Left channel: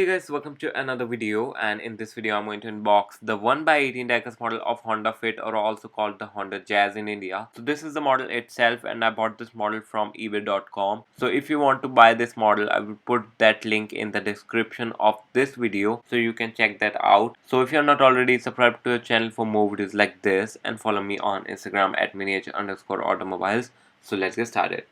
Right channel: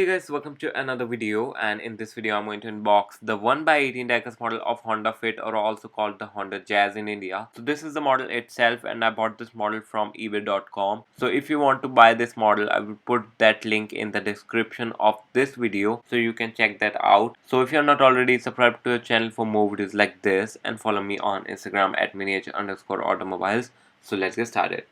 Okay guys, welcome to another video, and in this video I'm going to unbox the 1x18 diecast model of Honda Fit, or also called the Honda Jazz in India. So this is the model itself, and I bought this model from ebay.com. So if you want to buy this model, I will put that link in the description of this video so you can check that out. So if you're not already subscribed to the channel for more videos like this, and follow me on Instagram at miniature_automobiles. So let's get started.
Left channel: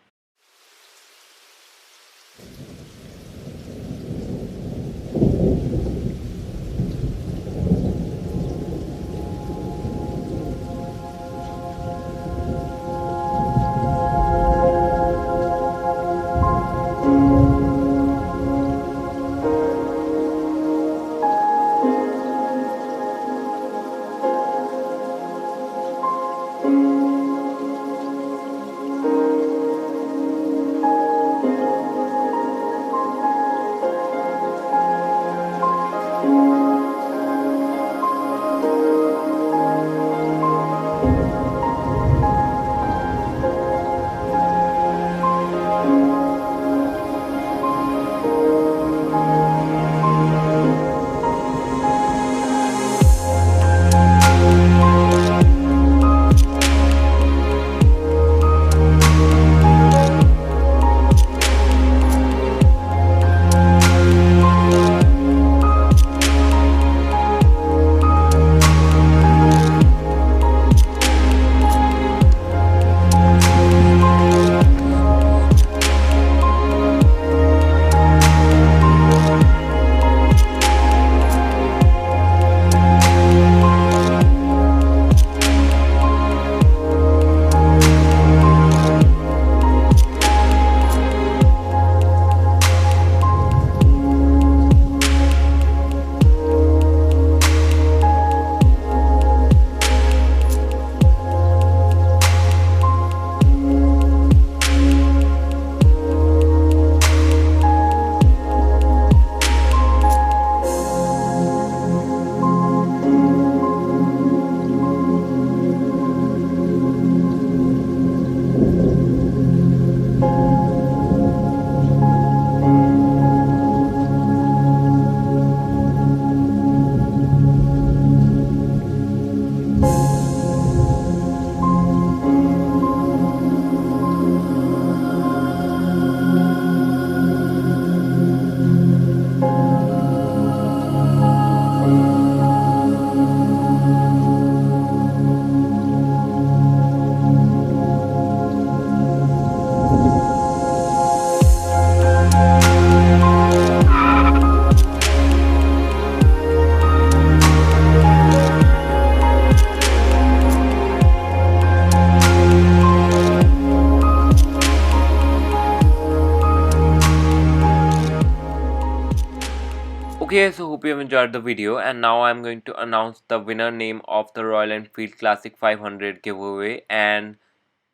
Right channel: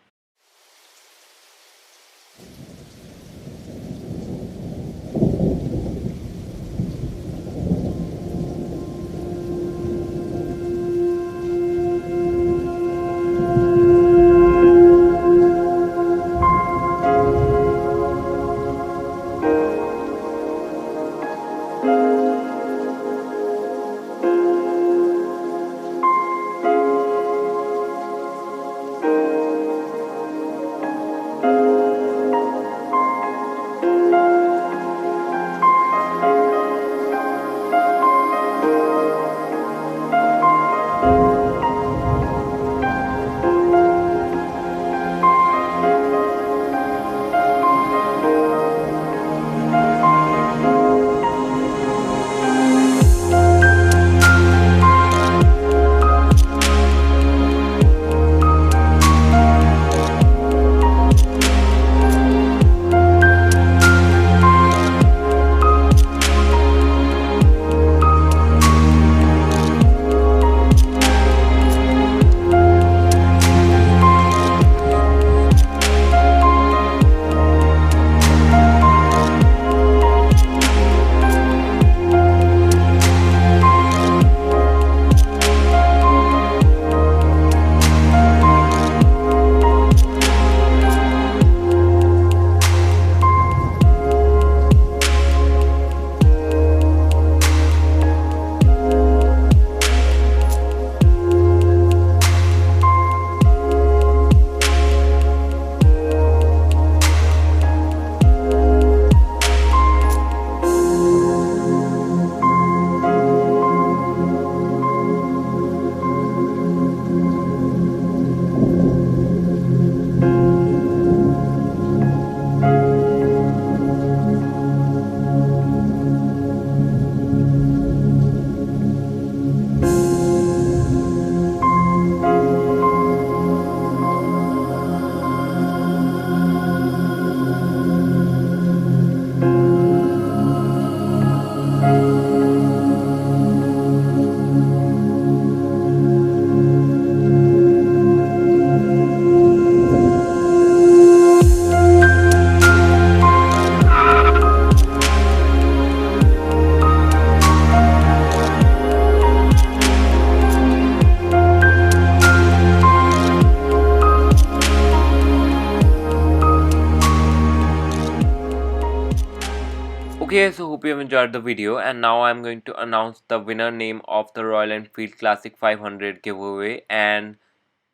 Okay, so hope you have enjoyed the video, and now I'm going to announce the winner name of the Royal Enfield Classic 500 giveaway, and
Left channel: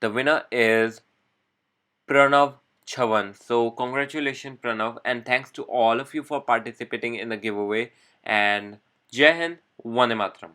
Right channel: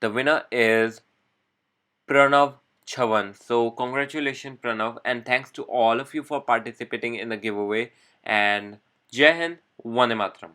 the winner is Pranav Chavan. So congratulations Pranav, and thanks to all of you for participating in the giveaway, and Jai Hind, Vande Mataram.